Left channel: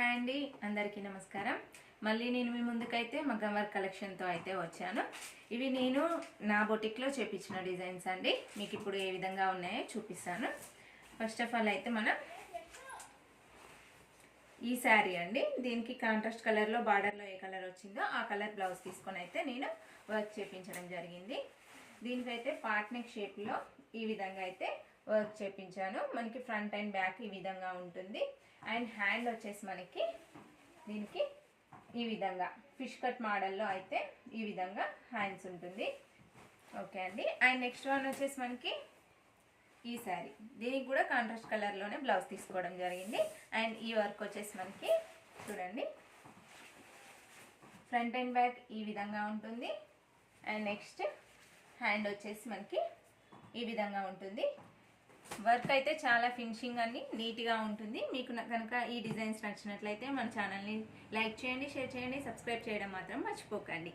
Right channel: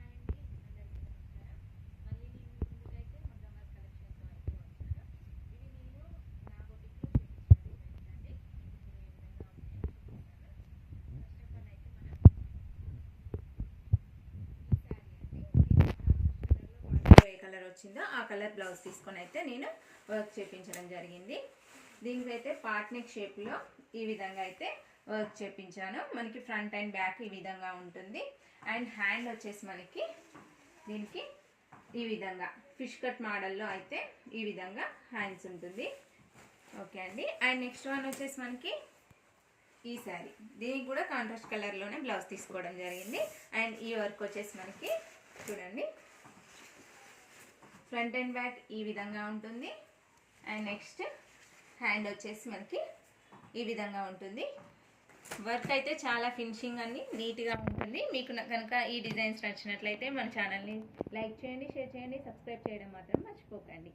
Hi అండి, అందరికీ నమస్కారం. మళ్ళీ నేను మీ ముందుకైతే మగ్గం వర్క్ కలెక్షన్తో అయితే వచ్చాను. ఇవి నేను నా బొటిక్లో చేపించిన డిజైన్స్ అండి. మీకు ఇప్పుడు ఏ విధంగా ఉన్నాయో చూపిస్తాను. ఫస్ట్ ఆఫ్ ఆల్ అయితే మనం ఈ శారీ అండి, దీనికి కాంట్రాస్ట్ కలర్లో బార్డర్లో ఏ కలర్ వచ్చిందో ఆ కలర్ బ్లౌజ్ తీసుకొని అయితే నేను వర్క్ చేపించడం జరిగింది. దీనికైతే పార్ట్ నెక్ షేప్లో ఈ విధంగా అయితే వర్క్ చేపించాను. మనకి ఫ్రంట్ అండ్ బ్యాక్ ఈ విధంగా ఉంటుంది. అండ్ హ్యాండ్ వచ్చేసి మనకి దీనికి ఈ విధంగా ఫిష్ కట్ మోడల్లో అయితే ఈ విధంగా హ్యాండ్స్ ఉంటుంది. ఓకే అండి. అండ్ నెక్స్ట్ వన్ వచ్చేసి మనకి ఈ శారీ, దీనికి కూడా కాంట్రాస్ట్ కలర్లోనే బ్లౌజ్ తీసుకోవడం జరిగింది. అండ్ ఈ వర్క్ వచ్చేసి మనకి చూడండి, ఫ్రంట్ అండ్ బ్యాక్ ఈ విధంగా ఉంటుంది. అండ్ నెక్స్ట్ హ్యాండ్ వచ్చేసి మనకి ఈ విధంగా ఉంటుంది. వర్క్ అయితే చాలా ఫినిషింగ్ అన్ని నీట్గా ఉంటుంది. మీకు కనుక ఈ డిజైన్స్ నచ్చినట్లయితే మన ఛానల్ని లైక్ చేయండి, షేర్ చేయండి, సబ్స్క్రైబ్ చేయడం మాత్రం మర్చిపోకండి.